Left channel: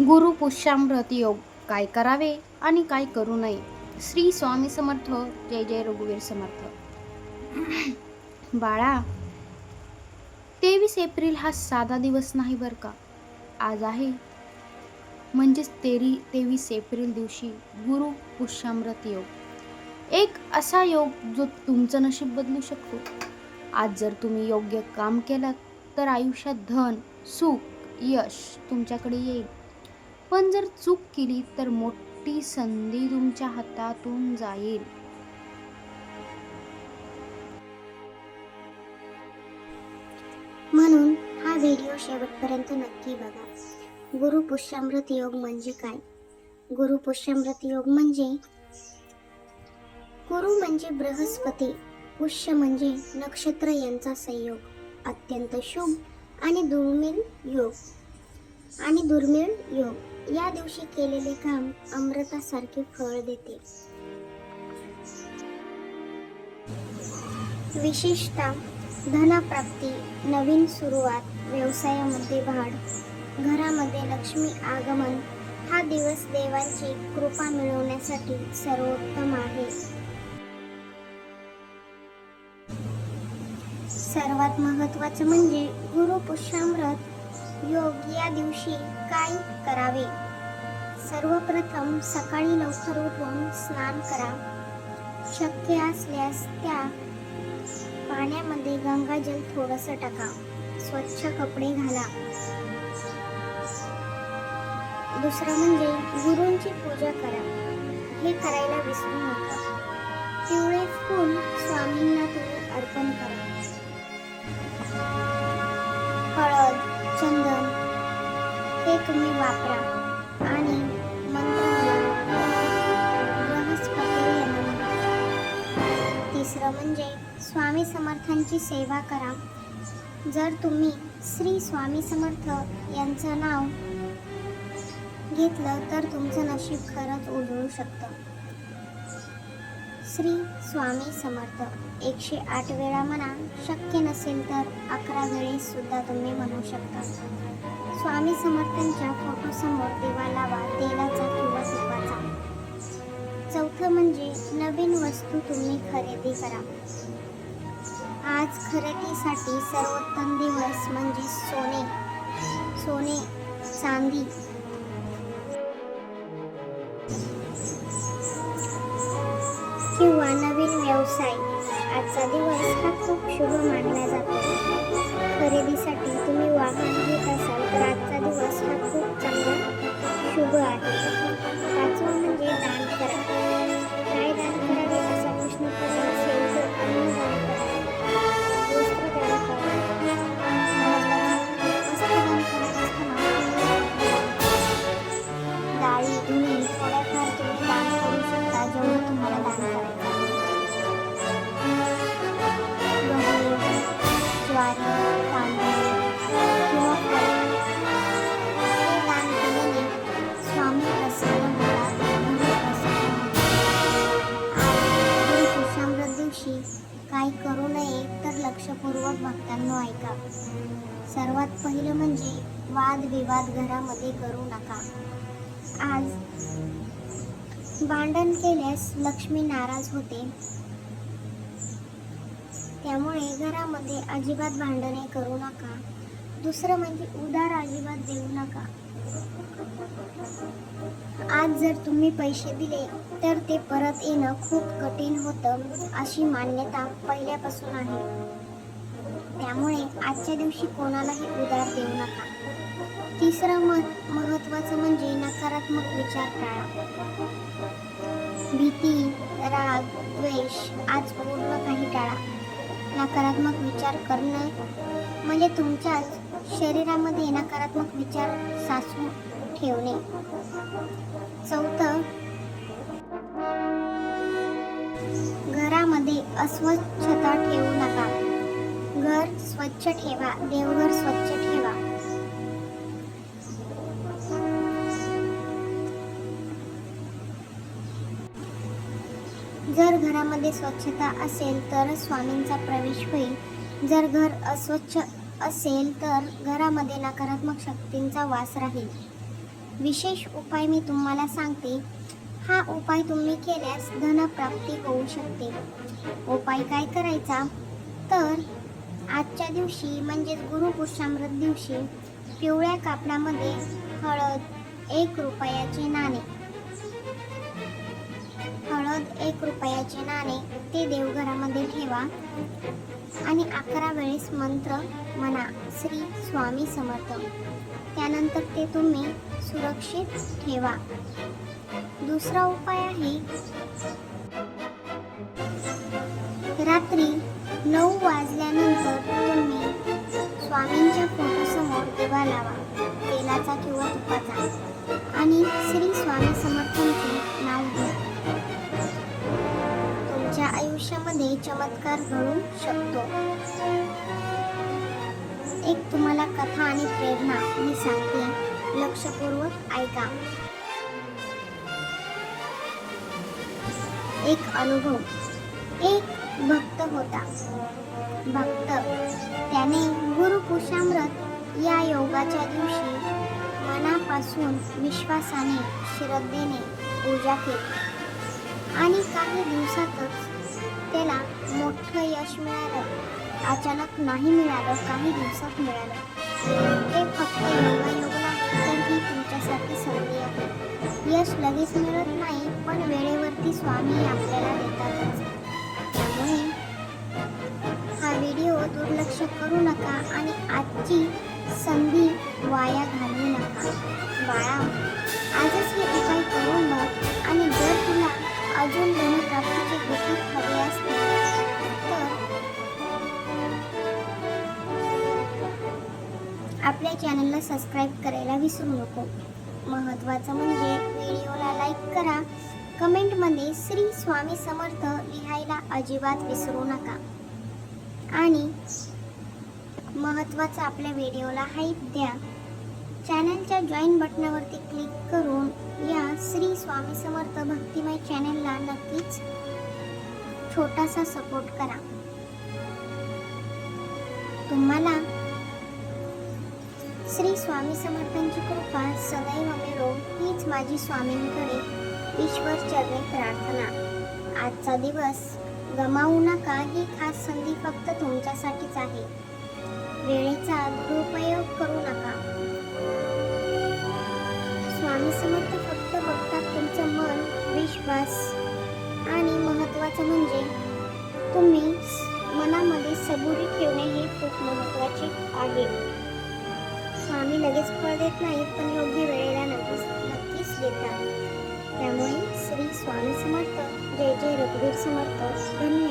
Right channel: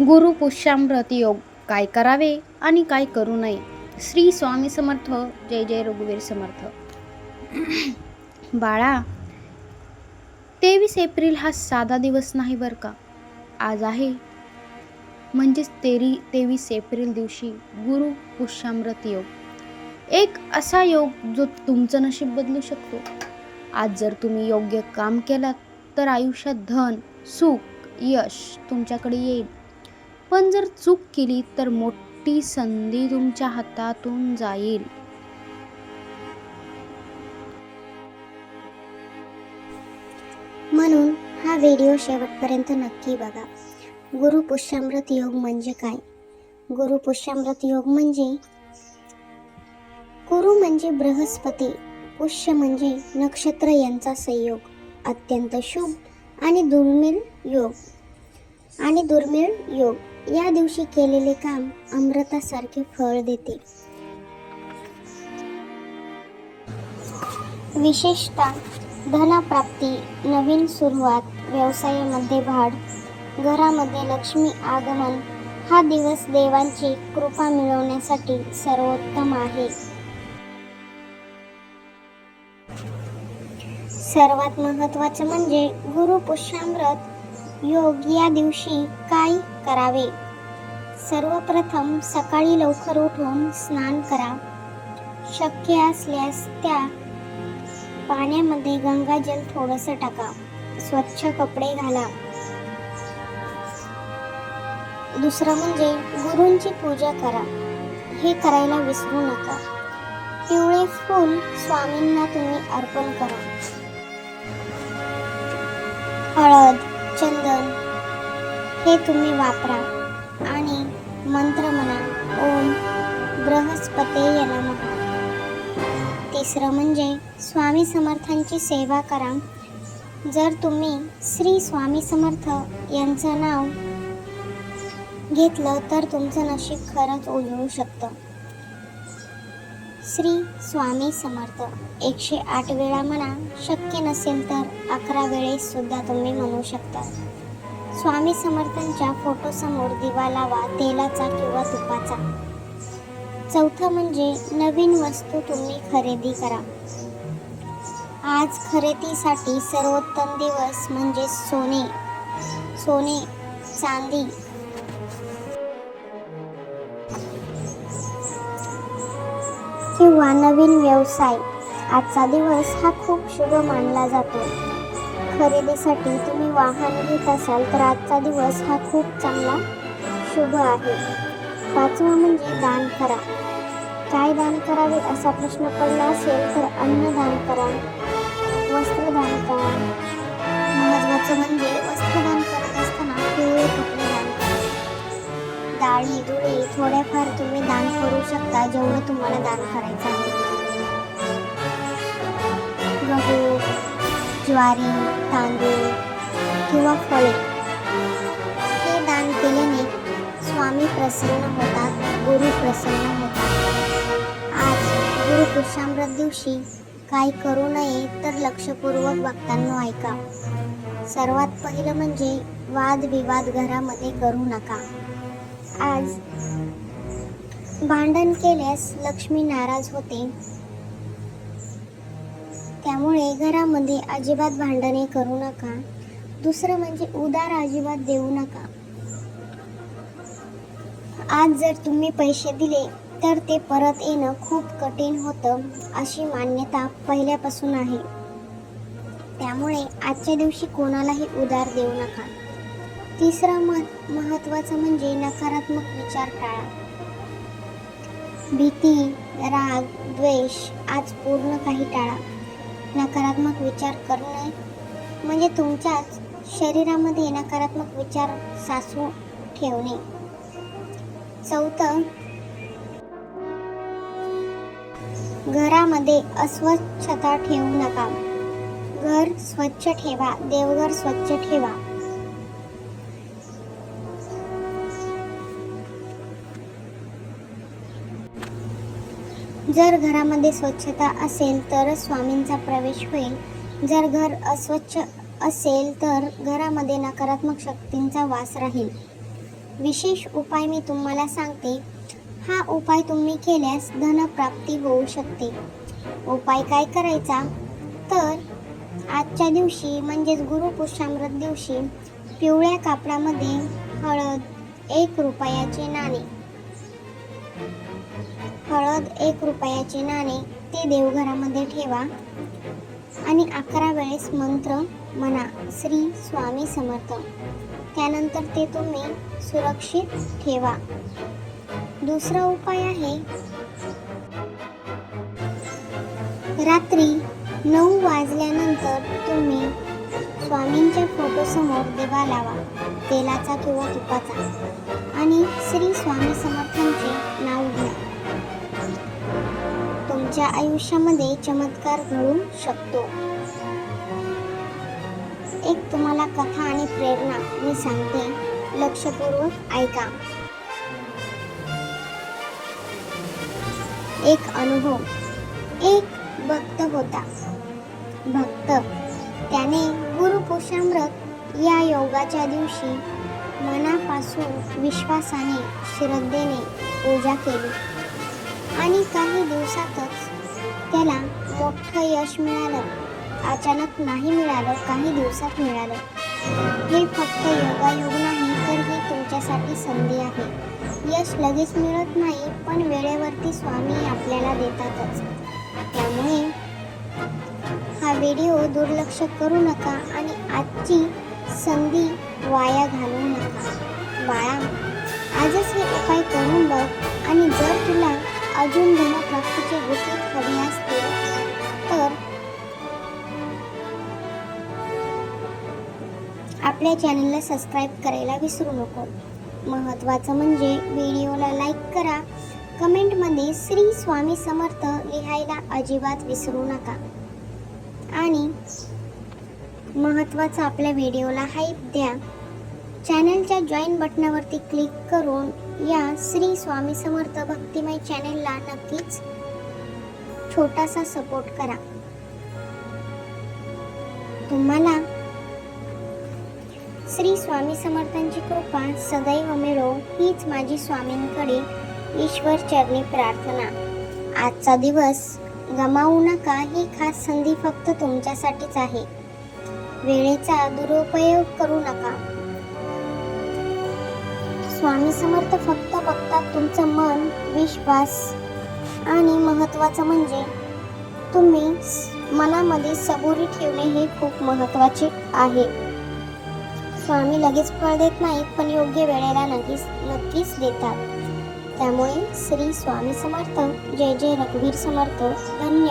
गुरु पुष्यामृत योग काय करावे आणि काय करू नये. श्री स्वामी समर्थ. जय जय रघुवीर समर्थ. बाळा, 23 एप्रिल हा साधा दिवस नाही बर का. आज आहे म्हणजेच 23 एप्रिल दिवशी गुरु पुष्यामृत योग. एक असा योग जो तुमचं नशीब बदलू शकतो. आज जर तुम्ही योग्य काम केलात तर आयुष्यात धन, सुख, यश तुमच्याकडे येईल. पण जर चूक केली तर मोठी संधी तुमच्या हातातून जाईल. म्हणून हा व्हिडिओ शेवटपर्यंत नक्की बघा. गुरु पुष्यामृत योग म्हणजे काय? गुरु पुष्यामृत योग म्हणजे गुरु म्हणजे बृहस्पती, पुष्य म्हणजे नक्षत्र यांचा संयोग. अत्यंत शुभ आणि दुर्मिळ योग. या दिवशी केलेले काम अमृतासारखे फळ देते. विशेषतः धनप्राप्ती, नवीन सुरुवात, व्यवसायामध्ये वाढ, घरामध्ये लक्ष्मी आगमन. हा दिवस देवांची कृपा मिळवण्यासाठी सर्वोत्तम आहे. सर्वात महत्त्वाचे म्हणजे गुरु पुष्यामृत योग या दिवशी काय करावे. सर्वप्रथम सकाळी लवकर उठून स्नान करा. शक्य असल्यास त्या पाण्यामध्ये गंगाजल थोडंसं टाका. स्वच्छ कपडे घाला. दुसरं म्हणजे गुरूंची पूजा करा. हे करायला विसरू नका. पिवळे फूल स्वामींना तुम्ही अर्पण करा. हळद, चंदन हे तुम्ही वापरा आणि मंत्र म्हणा, ओम बृहस्पतये नमः. तिसरं म्हणजे स्वामी समर्थांची सेवा करा. जर तुम्ही श्री स्वामी समर्थ यांचं नाव घेतलं तर तुमचं नशीब खरंच उजळू शकतं. श्री स्वामी समर्थ 108 वेळा म्हणा. शक्य नसेल तर 11 वेळेस सुद्धा तुम्ही म्हणू शकता. स्वामी समर्थांच्या फोटोसमोर दिवा लावा, तेलाचा किंवा तुपाचा. चौथं म्हणजे नवीन वस्तू तुम्ही खरेदी करा. आज खरेदीसाठी सर्वोत्तम दिवस म्हणजे सोने, चांदी किंवा नवीन व्यवसाय. आजचा दिवस हा खूप शुभ मानला जातो. खरेदीसाठी तुम्ही वाहन घेत असाल तर आजचा दिवस हा खूप चांगला शुभ आहे. पाचवं म्हणजे दान करा. काय दान करावे असा प्रश्न पडला असेल तर अन्नदान करा, वस्त्रदान करा. महत्त्वाचं म्हणजे वस्त्रदान करत असताना डाळी, दुधी थोड्याफार तुम्ही दान करू शकता, जेवढं तुम्हाला दान करायचं आहे. गहू, ज्वारी, तांदूळ किंवा फळे हे दान केल्याने स्वामी प्रसन्न होतात, गुरु प्रसन्न होतात. आज गुरु पुष्यामृत दिवशी काय करू नये तर लक्षपूर्वक बघताना ऐका. सर्वात पहिलं म्हणजे वादविवाद घरामध्ये करू नका. आज भांडण केल्यास लक्ष्मी नाराज होते. त्यामुळे घरामध्ये अजिबात भांडणे करू नका. दुसरं म्हणजे उधार अजिबात देऊ नका. आज जर तुम्ही पैसे दिले तर ते परत येणं खूप कठीण होतं अशी मान्यता पहिल्यापासून आहे. त्यामुळे आजच्या दिवशी कोणालाही उधार देऊ नका. तिसरं महत्त्वाचं म्हणजे नकारात्मक विचार टाळा. भीती, राग, द्वेष आज पूर्ण काही टाळा. नकारात्मक विचार करणे म्हणजे तुमच्या शरीरामध्ये नकारात्मक विचार साचवून ठेवणे. चौथं, घरामध्ये अस्वच्छता ठेवू नका. घर स्वच्छ ठेवा, देवघर स्वच्छ ठेवा. जर घरामध्ये स्वच्छता असेल तर स्वामींचा प्रवेश होईल. जर घर अस्वच्छ असेल तर घरामध्ये नकारात्मक शक्तींचा वास राहील. विशेष उपाय मी तुम्हाला सांगते. हा उपाय तुम्ही केल्यास धनप्राप्ती होऊ शकते. उपाय काय करायचा तर आजच्या दिवशी म्हणजेच गुरुपुष्यामृत दिवशी पिवळ्या कापडामध्ये हळद 1 रुपयाचे नाणे, हळद 1 रुपयाचे नाणे ते देवघरामध्ये ठेवा आणि 11 वेळेस मंत्र म्हणा श्री स्वामी समर्थ. त्यानंतर ते तुम्ही सुरक्षित ठेवा. दुसरा उपाय आहे रात्री 9 वाजल्यानंतर तुम्ही स्वामींच्या फोटोसमोर दिवा लावा, तेलाचा किंवा तुपाचा, आणि श्री स्वामी समर्थांचे नाव घ्या. तुमच्या आयुष्यामध्ये चमत्कार घडू शकतो. एक तुम्हाला कथा आणि प्रेरणा मी सांगते, लक्षपूर्वक ऐका. एक अनुभव. एक भक्त होता. त्याने गुरुपुष्यामृत या योगाच्या दिवशी मनापासून विश्वासाने श्रद्धेने पूजा केली आणि काही दिवसातच त्याला मोठं यश मिळालं. अचानक नाही मिळालं, काही दिवसात मिळालं. हे फक्त योगायोग नाही तर ही तुमच्यासाठी संधी आहे. यश लगेच मिळत नाही, पण वेळेवरती स्वामी आपल्याला देतातच. त्यामुळे हा व्हिडिओ दुर्लक्ष करू नका आणि आजची संधी वाया घालवू नका. बाळा, आजच हे उपाय करून बघ आणि जर तुला अजून धनप्राप्तीची गती हवी असते तर आपल्या चॅनलला सबस्क्राईब करायला विसरू नको. महत्त्वाचं म्हणजे व्हिडिओला लाईक करा, कमेंटमध्ये श्री स्वामी समर्थ लिहायला अजिबात विसरू नका आणि महत्त्वाचं आपल्या व्हिडिओला हाईप द्या. चॅनलच्या जॉईन बटनावरती क्लिक करून या श्री स्वामी समर्थ भक्तिमय चॅनलला नक्कीच छोटासा सपोर्ट करा. तुम्हाला श्री स्वामी समर्थांची कृपा सदैव मिळो हीच माझी स्वामींकडे ईश्वर चरणी प्रार्थना. आजचा दिवस गमावू नका. ही खास संधी फक्त तुमच्यासाठीच आहे. वेळेचा दुरुपयोग करू नका. स्वामी समर्थ फक्त बघतात तुमचं मन, विश्वास आणि महत्त्वाचं म्हणजे तुम्ही मनामध्ये सबुरी ठेवणे हे खूप महत्त्वाचे आहे. स्वामी लगेच फळ देत नाहीत, पण योग्य वेळेला नक्कीच देतात. त्यामुळे श्री स्वामी समर्थ. जय जय रघुवीर समर्थ. धन्यवाद.